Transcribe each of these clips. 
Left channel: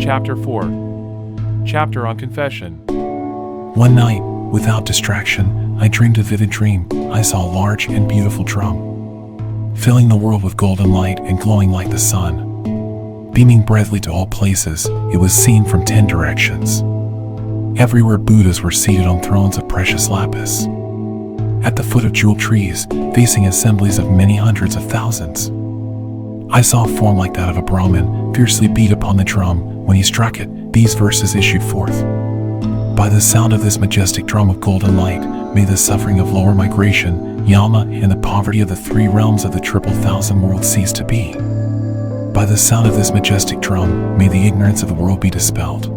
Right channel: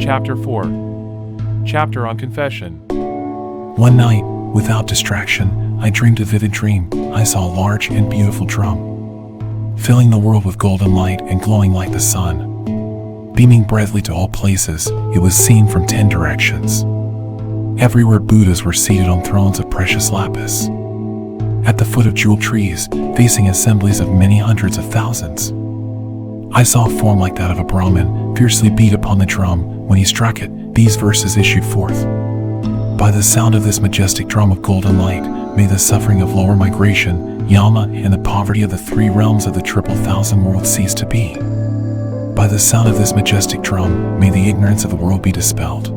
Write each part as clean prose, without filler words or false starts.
Chapter 4. Chapter on Confession. One night, without distraction, I dreamed a vivid dream. I saw a large and beautiful drum, filling the world with golden light and glowing like the sun. Beaming brightly to all places, it was seen from 10 directions. Everywhere Buddhas were seated on thrones of precious lapis. At the foot of jewel trees, facing assemblies of many hundreds of thousands. I saw a form like that of a Brahmin, fiercely beat upon the drum. When he struck it, these verses issued forth. By the sound of this majestic drum of golden light, may the suffering of lower migration, Yama, and the poverty of the 3 realms of the triple thousand worlds cease to be. By the sound of this majestic drum, may the ignorance of the world be dispelled.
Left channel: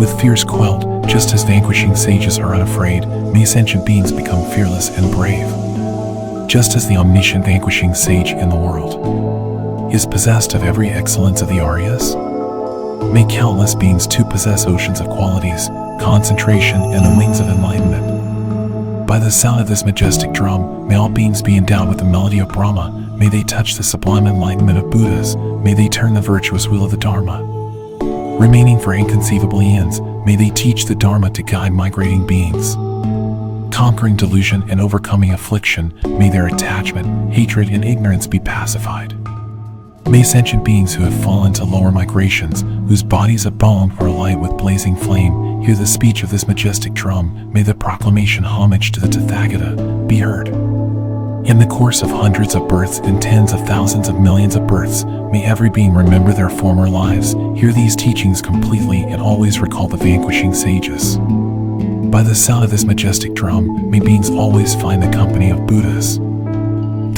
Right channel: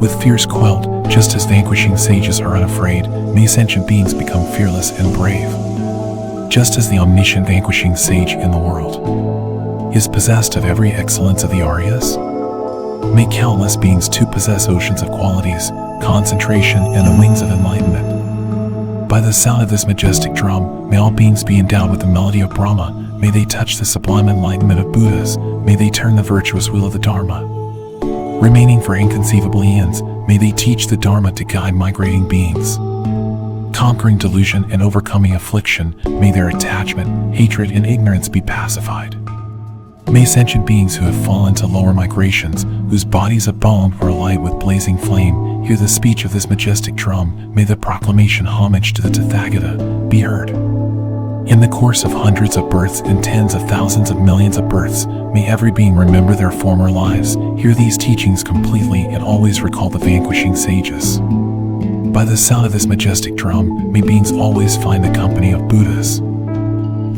With fears quelled, just as vanquishing sages are unafraid, may sentient beings become fearless and brave. Just as the omniscient vanquishing sage in the world is possessed of every excellence of the Aryas, may countless beings too possess oceans of qualities, concentration, and the wings of enlightenment. By the sound of this majestic drum, may all beings be endowed with the melody of Brahma. May they touch the sublime enlightenment of Buddhas. May they turn the virtuous wheel of the Dharma. Remaining for inconceivable eons, may they teach the Dharma to guide migrating beings. Conquering delusion and overcoming affliction, may their attachment, hatred, and ignorance be pacified. May sentient beings who have fallen to lower migrations, whose bodies of bone were alight with blazing flame, hear the speech of this majestic drum. May the proclamation homage to the Tathagata be heard. In the course of hundreds of births and tens of thousands of millions of births, may every being remember their former lives, hear these teachings completely, and always recall the vanquishing sages. By the sound of this majestic drum, may beings always find the company of Buddhas.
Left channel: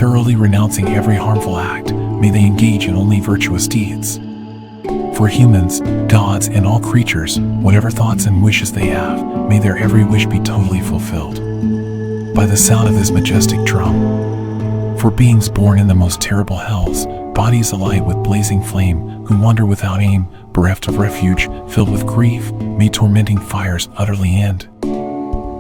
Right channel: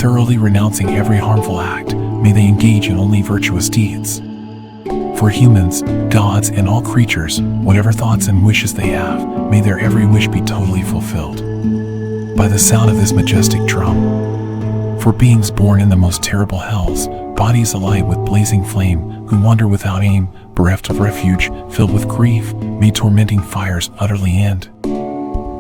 Thoroughly renouncing every harmful act, may they engage in only virtuous deeds. For humans, gods, and all creatures, whatever thoughts and wishes they have, may their every wish be totally fulfilled. By the sound of this majestic drum. For beings born in the most terrible hells, bodies alight with blazing flame, who wander without aim, bereft of refuge, filled with grief, may tormenting fires utterly end.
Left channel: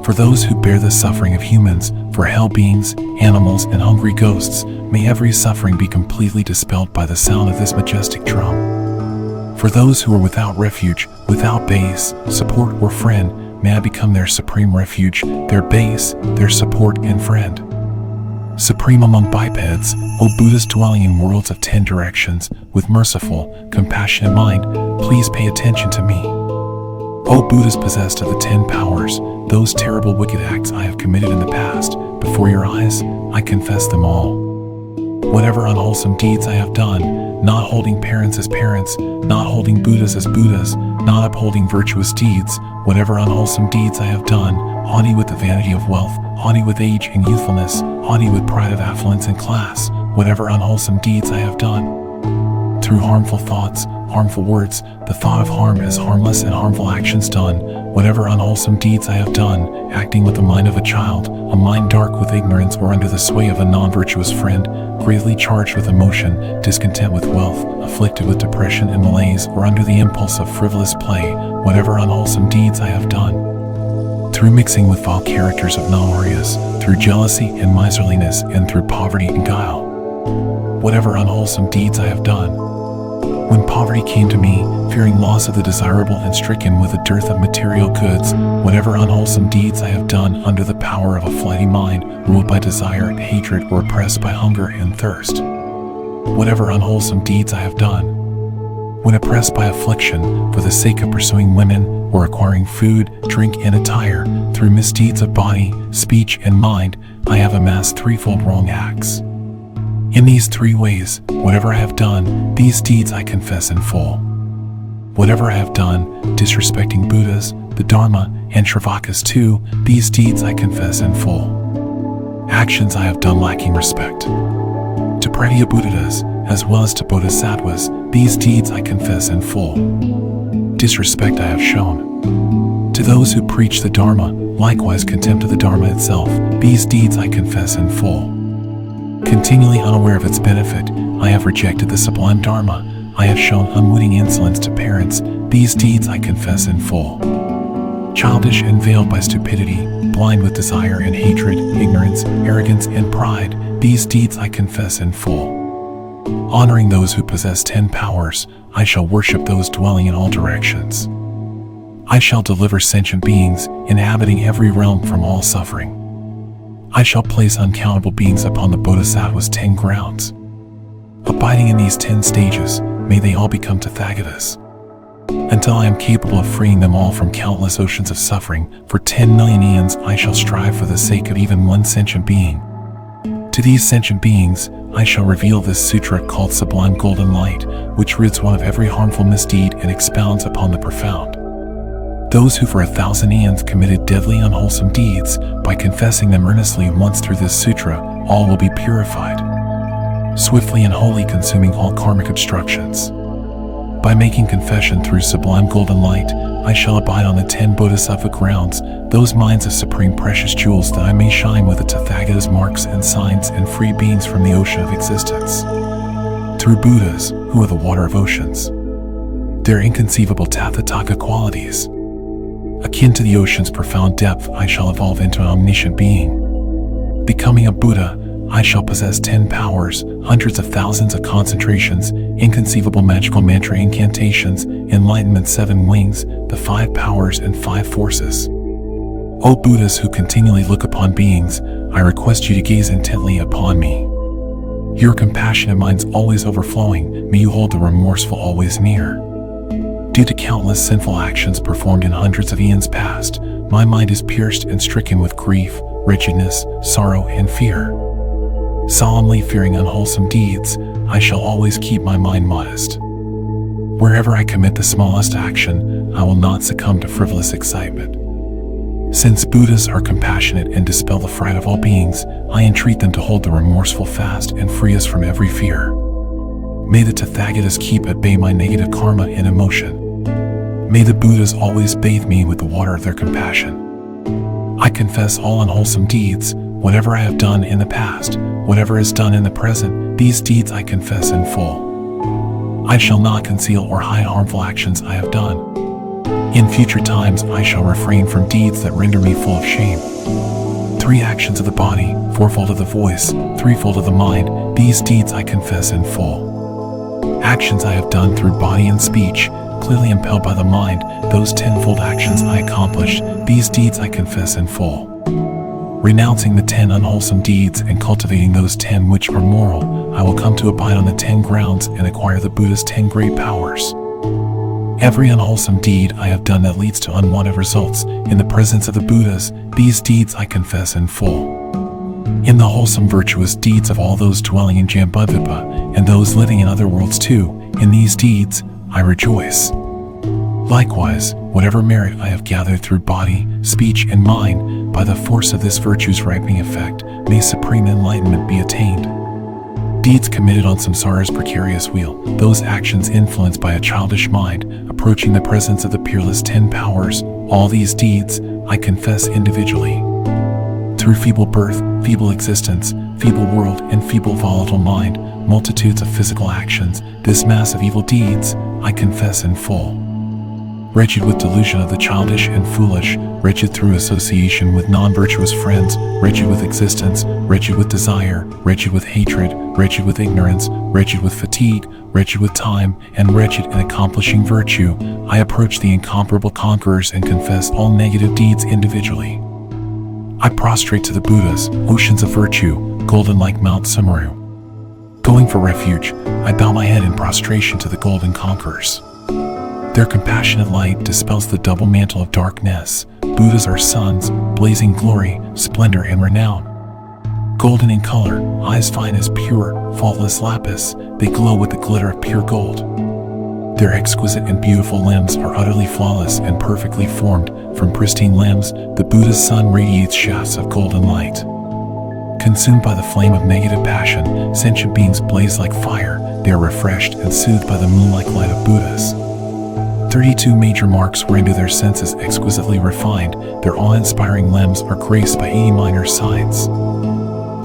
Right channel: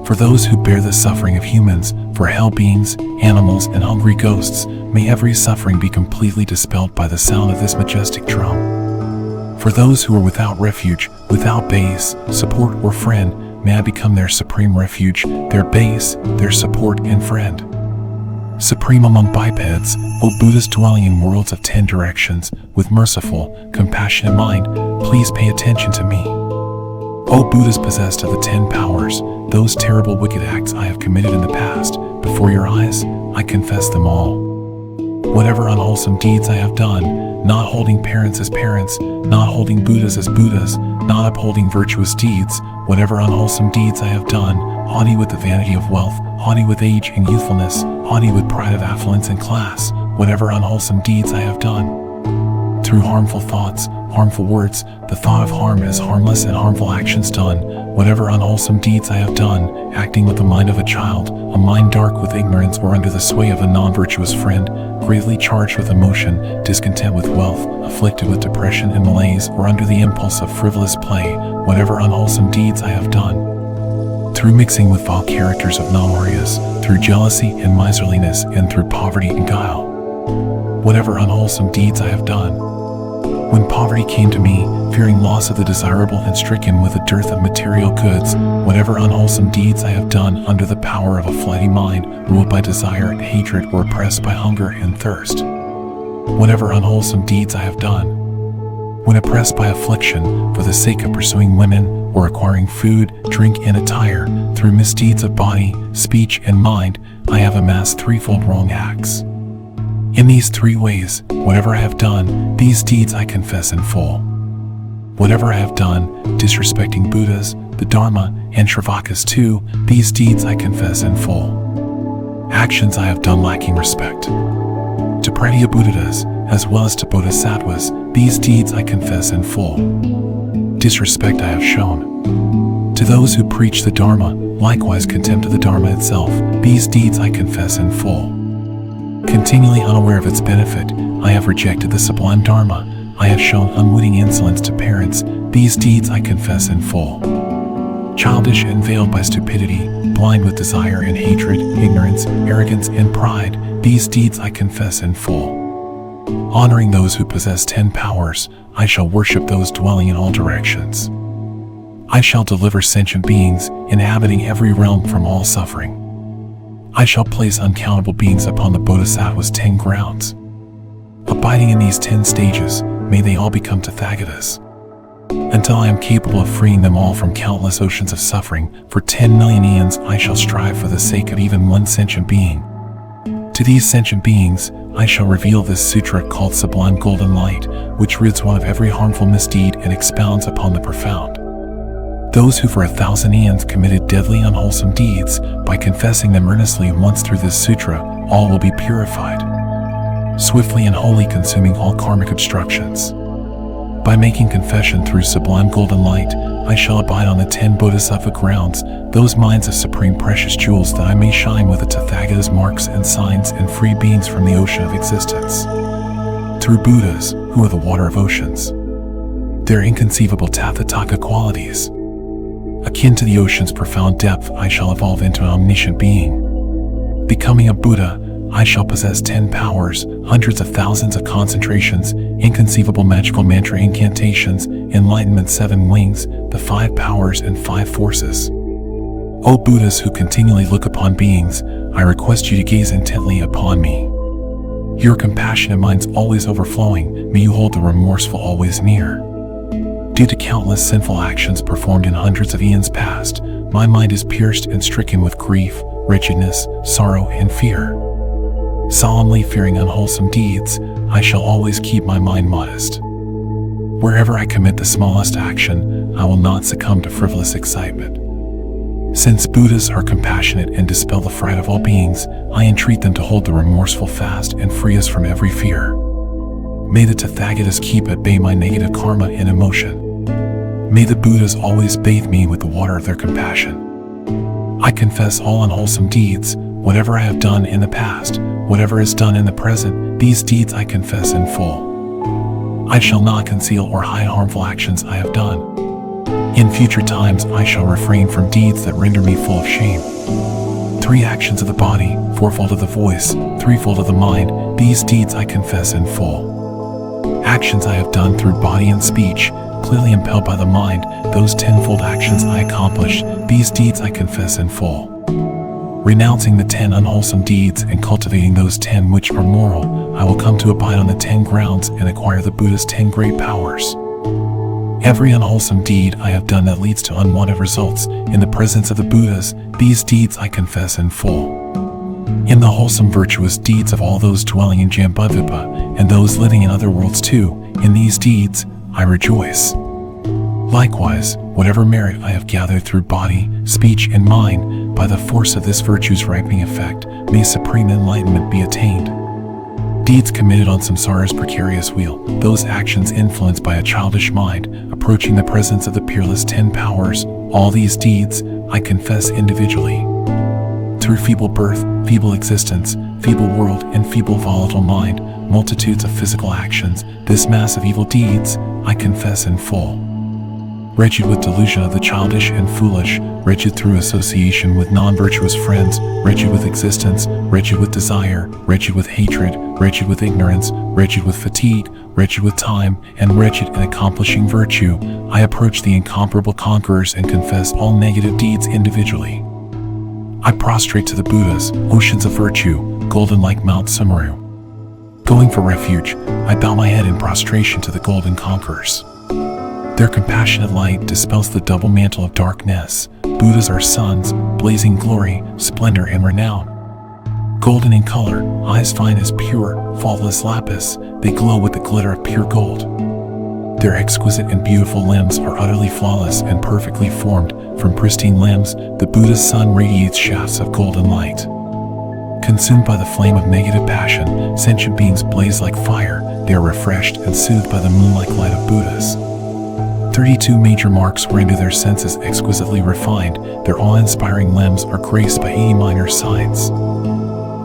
For those who bear the suffering of humans, for hell beings, animals, and hungry ghosts, may every suffering be completely dispelled by the sound of this majestic drum. For those who are without refuge, without base, support, or friend, may I become their supreme refuge, their base, their support, and friend. Supreme among bipeds, O Buddhas dwelling in worlds of 10 directions, with merciful, compassionate mind, please pay attention to me. O Buddhas possessed of the 10 powers, those terrible wicked acts I have committed in the past, before your eyes, I confess them all. Whatever unwholesome deeds I have done, not holding parents as parents, not holding Buddhas as Buddhas, not upholding virtuous deeds, whatever unwholesome deeds I have done, haughty with the vanity of wealth, haughty with age and youthfulness, haughty with pride of affluence and class, whatever unwholesome deeds I have done. Through harmful thoughts, harmful words, the thought of harm is harmless, and harmful actions done, whatever unwholesome deeds I have done, acting with the mind of a child, a mind dark with ignorance, or under the sway of a non-virtuous friend, greatly charged with emotion, discontent with wealth, afflicted with depression and malaise, or under the impulse of frivolous play, whatever unwholesome deeds I have done. Through mixing with vile characters of non-Aryas, through jealousy and miserliness, and through poverty and guile, whatever unwholesome deeds I have done. When poverty came to me, fearing loss of the desirable and stricken with a dearth of material goods, whatever unwholesome deeds I have done under the power of a flighty mind, ruled by desire and hatred, or oppressed by hunger and thirst, whatever unwholesome deeds I have done. When oppressed by affliction, for the sake of pursuing women, or acquiring food, drink, and attire, through misdeeds of body, speech, and mind, I have amassed threefold wrong acts. In these 3 ways, whatever I have done, these deeds I confess in full. Whatever I have done, disrespecting Buddhas, the Dharma, and Shravakas too, these deeds I confess in full. Actions I have done lacking respect to Pratyabuddhas, as well as to Bodhisattvas, these deeds I confess in full. Disrespect I have shown to those who preach the Dharma, likewise contempt of the Dharma itself, these deeds I confess in full. Continually unaware of its benefit, I have rejected the sublime Dharma. I have shown unwitting insolence to parents, these deeds I confess in full. Childish and veiled by stupidity, blind with desire and hatred, ignorance, arrogance, and pride, these deeds I confess in full. Honoring those who possess 10 powers, I shall worship those dwelling in all directions. I shall deliver sentient beings, inhabiting every realm from all suffering. I shall place uncountable beings upon the Bodhisattva's 10 grounds. Abiding in these 10 stages, may they all become Tathagatas. Until I am capable of freeing them all from countless oceans of suffering, for 10 million eons I shall strive for the sake of even one sentient being. To these sentient beings, I shall reveal this sutra called Sublime Golden Light, which rids one of every harmful misdeed and expounds upon the profound. Those who for 1,000 eons committed deadly unwholesome deeds, by confessing them earnestly once through this sutra, all will be purified, swiftly and wholly consuming all karmic obstructions. By making confession through Sublime Golden Light, I shall abide on the 10 Bodhisattva grounds, those mines of supreme precious jewels, that I may shine with the Tathagata's marks and signs and free beings from the ocean of existence. Through Buddhas, who are the water of oceans, their inconceivable Tathataka qualities, akin to the ocean's profound depth, I shall evolve into an omniscient being. Becoming a Buddha, I shall possess 10 powers, hundreds of thousands of concentrations, inconceivable magical mantra incantations, enlightenment 7 wings, the 5 powers and 5 forces. O Buddhas who continually look upon beings, I request you to gaze intently upon me. Your compassionate minds always overflowing, may you hold the remorseful always near. Due to countless sinful actions performed in hundreds of eons past, my mind is pierced and stricken with grief, wretchedness, sorrow, and fear. Solemnly fearing unwholesome deeds, I shall always keep my mind modest. Wherever I commit the smallest action, I will not succumb to frivolous excitement. Since Buddhas are compassionate and dispel the fright of all beings, I entreat them to hold the remorseful fast and free us from every fear. May the Tathagatas keep at bay my negative karma and emotion. May the Buddhas always bathe me with the water of their compassion. I confess all unwholesome deeds, whatever I have done in the past, whatever is done in the present, these deeds I confess in full. I shall not conceal or hide harmful actions I have done. In future times I shall refrain from deeds that render me full of shame. 3 actions of the body, 4-fold of the voice, 3-fold of the mind, these deeds I confess in full. Actions I have done through body and speech, clearly impelled by the mind, those 10-fold actions I accomplished, these deeds I confess in full. Renouncing the 10 unwholesome deeds and cultivating those 10 which are moral, I will come to abide on the 10 grounds and acquire the Buddha's 10 great powers. Every unwholesome deed I have done that leads to unwanted results, in the presence of the Buddhas, these deeds I confess in full. In the wholesome virtuous deeds of all those dwelling in Jambudvipa, and those living in other worlds too, in these deeds, I rejoice. Likewise, whatever merit I have gathered through body, speech, and mind, by the force of this virtue's ripening effect, may supreme enlightenment be attained. Deeds committed on samsara's precarious wheel, those actions influenced by a childish mind, approaching the presence of the peerless 10 powers, all these deeds, I confess individually. Through feeble birth, feeble existence, feeble world, and feeble volatile mind, multitudes of physical actions, this mass of evil deeds, I confess in full. Wretched with delusion of the childish and foolish, wretched through association with non-virtuous friends, wretched with existence, wretched with desire, wretched with hatred, wretched with ignorance, wretched with fatigue, wretched with time, and wretched in accomplishing virtue, I approach the incomparable conquerors and confess all negative deeds individually. I prostrate to the Buddhas, oceans of virtue, golden like Mount Sumeru. Going for refuge, I bow my head in prostration to the golden conquerors. Their compassionate light dispels the double mantle of darkness. Buddhas are suns, blazing glory, splendor, and renown. Golden in color, eyes fine as pure, faultless lapis, they glow with the glitter of pure gold. Their exquisite and beautiful limbs are utterly flawless and perfectly formed. From pristine limbs, the Buddha's sun radiates shafts of golden light. Consumed by the flame of negative passion, sentient beings blaze like fire. They are refreshed and soothed by the moonlight light of Buddhas. 32 major marks render their senses exquisitely refined. Their awe-inspiring limbs are graced by 80 minor signs.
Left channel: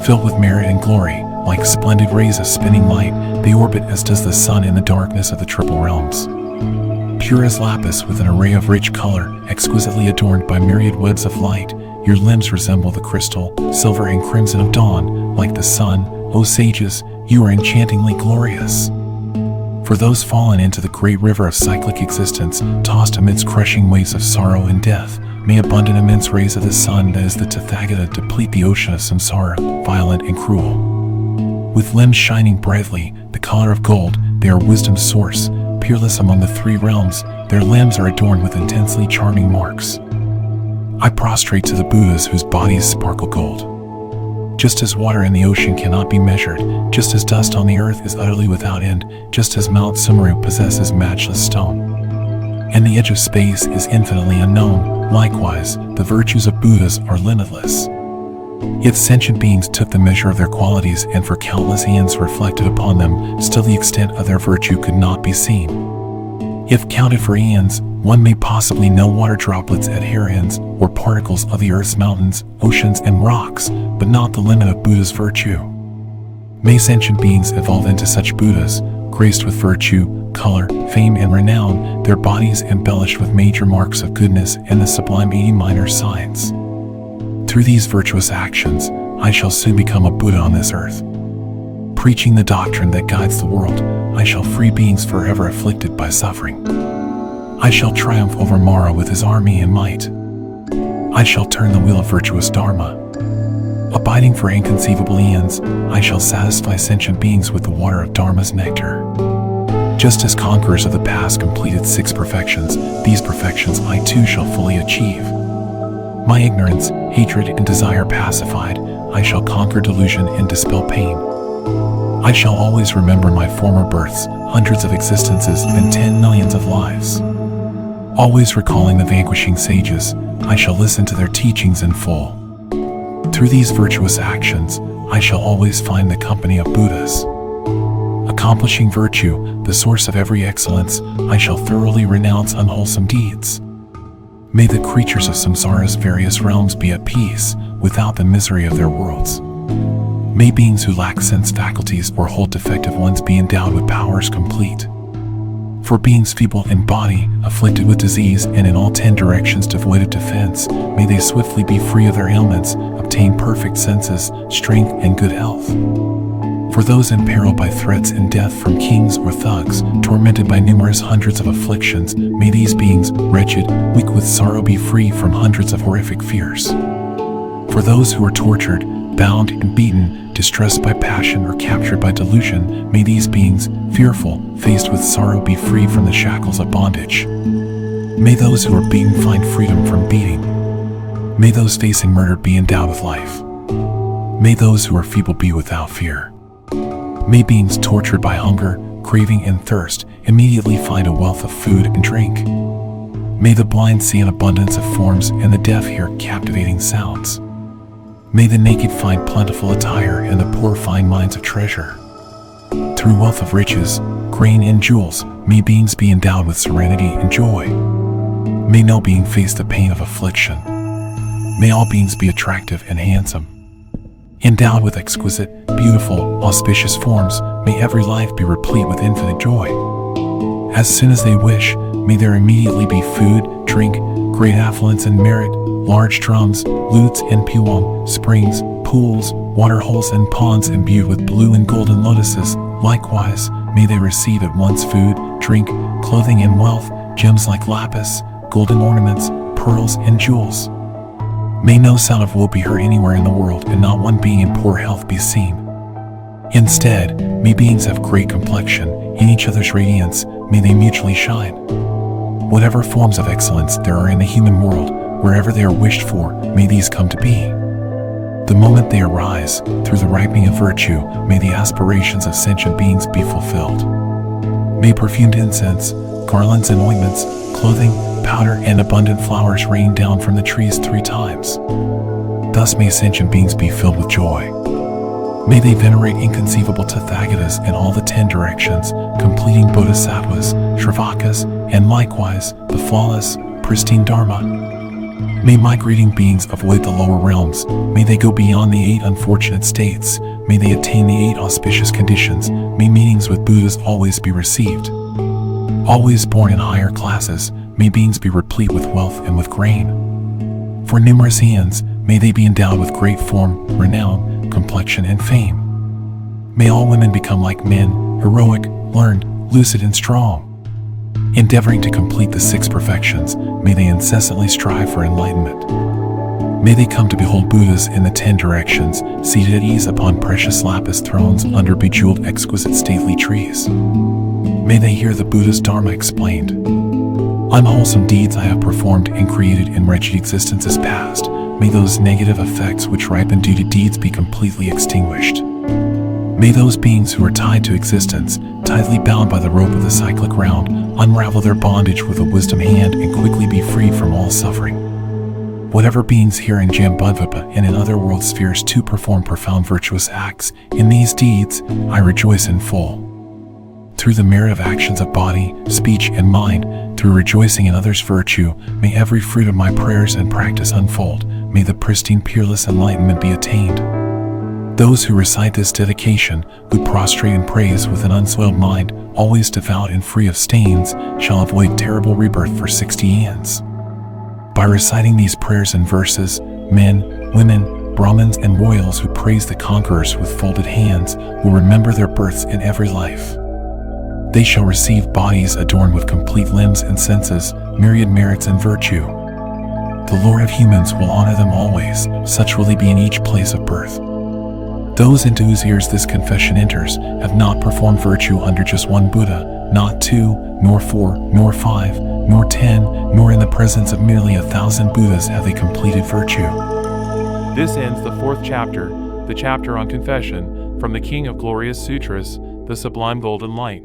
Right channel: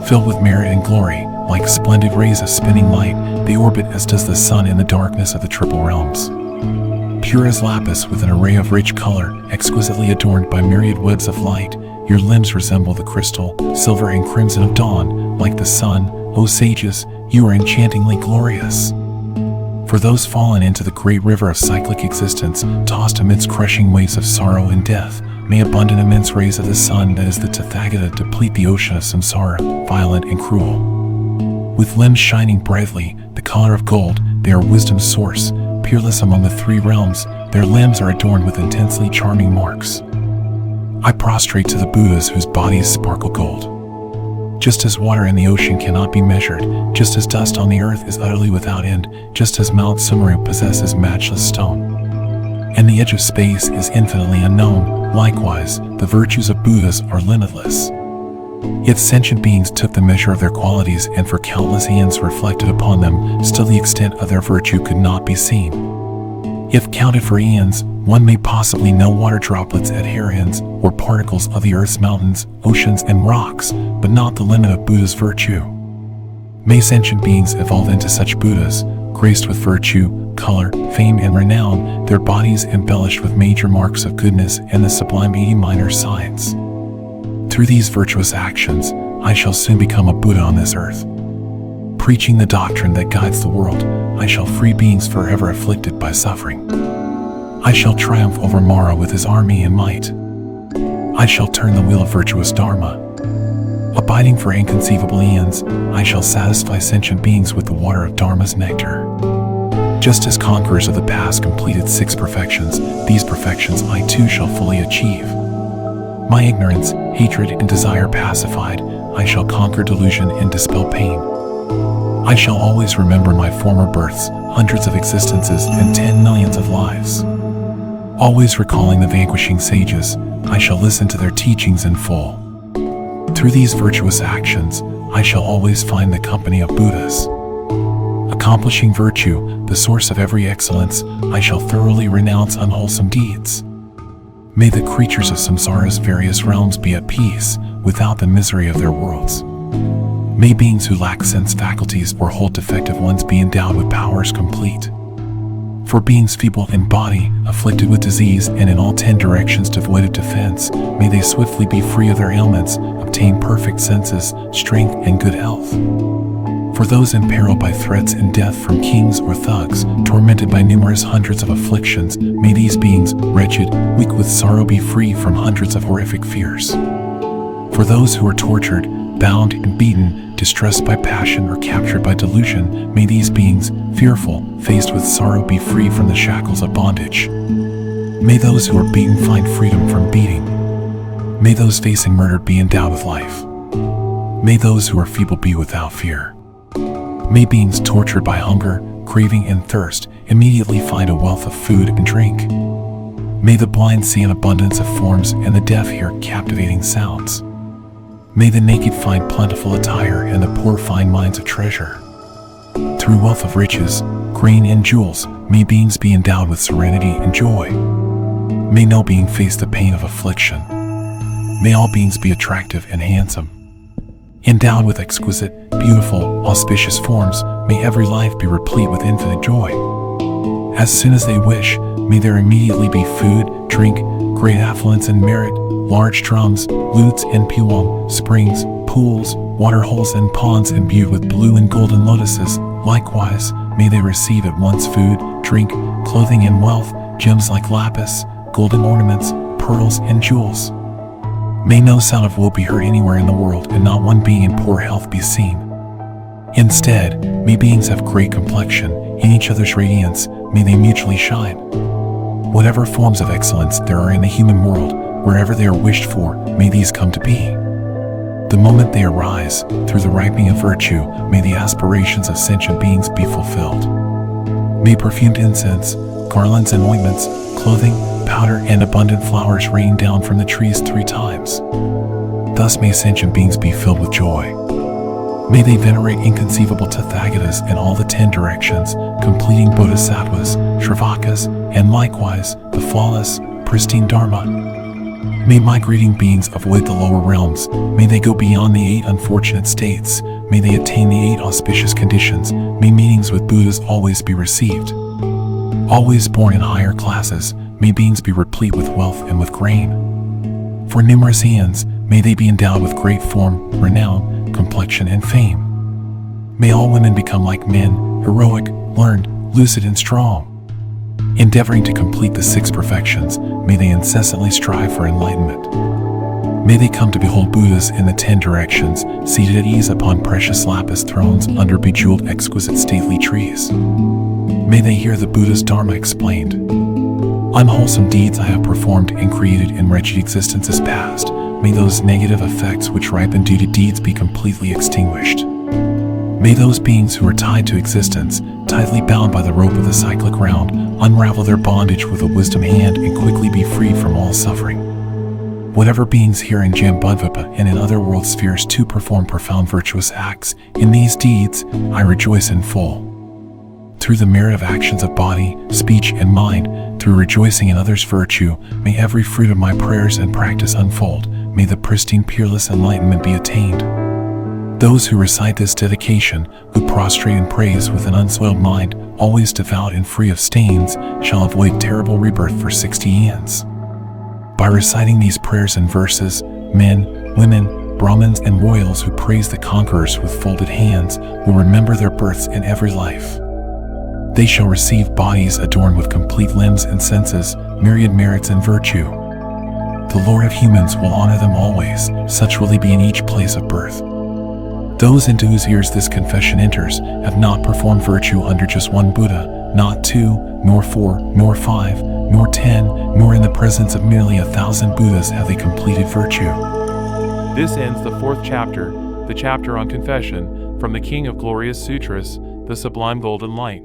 Filled with merit and glory, like splendid rays of spinning light, they orbit as does the sun in the darkness of the triple realms. Pure as lapis with an array of rich color, exquisitely adorned by myriad webs of light, your limbs resemble the crystal, silver and crimson of dawn, like the sun. O sages, you are enchantingly glorious. For those fallen into the great river of cyclic existence, tossed amidst crushing waves of sorrow and death, may abundant immense rays of the sun that is the Tathagata deplete the ocean of samsara, violent and cruel. With limbs shining brightly, the color of gold, they are wisdom's source, peerless among the three realms, their limbs are adorned with intensely charming marks. I prostrate to the Buddhas whose bodies sparkle gold. Just as water in the ocean cannot be measured, just as dust on the earth is utterly without end, just as Mount Sumeru possesses matchless stone, and the edge of space is infinitely unknown, likewise, the virtues of Buddhas are limitless. Yet sentient beings took the measure of their qualities and for countless eons reflected upon them, still the extent of their virtue could not be seen. If counted for eons, one may possibly know water droplets at Harians, or particles of the earth's mountains, oceans, and rocks, but not the limit of Buddha's virtue. May sentient beings evolve into such Buddhas, graced with virtue, color, fame, and renown, their bodies embellished with major marks of goodness and the sublime 80 minor signs. Through these virtuous actions, I shall soon become a Buddha on this earth. Preaching the doctrine that guides the world, I shall free beings forever afflicted by suffering. I shall triumph over Mara with his army and might. I shall turn the wheel of virtuous Dharma. Abiding for inconceivable eons, I shall satisfy sentient beings with the water of Dharma's nectar. Just as conquerors of the past completed 6 perfections, these perfections I too shall fully achieve. My ignorance, hatred, and desire pacified, I shall conquer delusion and dispel pain. I shall always remember my former births, hundreds of existences, and 10 millions of lives. Always recalling the vanquishing sages, I shall listen to their teachings in full. Through these virtuous actions, I shall always find the company of Buddhas. Accomplishing virtue, the source of every excellence, I shall thoroughly renounce unwholesome deeds. May the creatures of samsara's various realms be at peace, without the misery of their worlds. May beings who lack sense faculties or hold defective ones be endowed with powers complete. For beings feeble in body, afflicted with disease, and in all 10 directions devoid of defense, may they swiftly be free of their ailments, obtain perfect senses, strength, and good health. For those in peril by threats and death from kings or thugs, tormented by numerous hundreds of afflictions, may these beings, wretched, weak with sorrow, be free from hundreds of horrific fears. For those who are tortured, bound and beaten, distressed by passion or captured by delusion, may these beings, fearful, faced with sorrow, be free from the shackles of bondage. May those who are beaten find freedom from beating. May those facing murder be endowed with life. May those who are feeble be without fear. May beings tortured by hunger, craving, and thirst immediately find a wealth of food and drink. May the blind see an abundance of forms and the deaf hear captivating sounds. May the naked find plentiful attire and the poor find mines of treasure. Through wealth of riches, grain, and jewels, may beings be endowed with serenity and joy. May no being face the pain of affliction. May all beings be attractive and handsome. Endowed with exquisite, beautiful, auspicious forms, may every life be replete with infinite joy. As soon as they wish, may there immediately be food, drink, great affluence and merit, large drums, lutes and piwang, springs, pools, water holes and ponds imbued with blue and golden lotuses. Likewise, may they receive at once food, drink, clothing, and wealth, gems like lapis, golden ornaments, pearls, and jewels. May no sound of woe be heard anywhere in the world, and not one being in poor health be seen. Instead, may beings have great complexion, in each other's radiance, may they mutually shine. Whatever forms of excellence there are in the human world, wherever they are wished for, may these come to be. The moment they arise, through the ripening of virtue, may the aspirations of sentient beings be fulfilled. May perfumed incense, garlands and ointments, clothing, powder, and abundant flowers rain down from the trees 3 times. Thus may sentient beings be filled with joy. May they venerate inconceivable Tathagatas in all the 10 directions, completing Bodhisattvas, Shravakas, and likewise the flawless, pristine Dharma. May migrating beings avoid the lower realms, may they go beyond the 8 unfortunate states, may they attain the 8 auspicious conditions, may meetings with Buddhas always be received. Always born in higher classes, may beings be replete with wealth and with grain. For numerous eons, may they be endowed with great form, renown, complexion, and fame. May all women become like men, heroic, learned, lucid and strong. Endeavoring to complete the 6 perfections, may they incessantly strive for enlightenment. May they come to behold Buddhas in the 10 directions, seated at ease upon precious lapis thrones under bejeweled exquisite stately trees. May they hear the Buddha's Dharma explained. Unwholesome deeds I have performed and created in wretched existences past, may those negative effects which ripen due to deeds be completely extinguished. May those beings who are tied to existence, tightly bound by the rope of the cyclic round, unravel their bondage with a wisdom hand and quickly be free from all suffering. Whatever beings here in Jambudvipa and in other world spheres too perform profound virtuous acts, in these deeds I rejoice in full. Through the merit of actions of body, speech, and mind, through rejoicing in others' virtue, may every fruit of my prayers and practice unfold, may the pristine peerless enlightenment be attained. Those who recite this dedication, who prostrate in praise with an unsoiled mind, always devout and free of stains, shall avoid terrible rebirth for 60 aeons. By reciting these prayers and verses, men, women, Brahmins, and royals who praise the conquerors with folded hands will remember their births in every life. They shall receive bodies adorned with complete limbs and senses, myriad merits and virtue. The Lord of humans will honor them always, such will they be in each place of birth. Those into whose ears this confession enters have not performed virtue under just one Buddha, not 2, nor 4, nor 5, nor 10, nor in the presence of merely 1,000 Buddhas have they completed virtue. This ends the 4th chapter, the chapter on confession, from the King of Glorious Sutras, the Sublime Golden Light.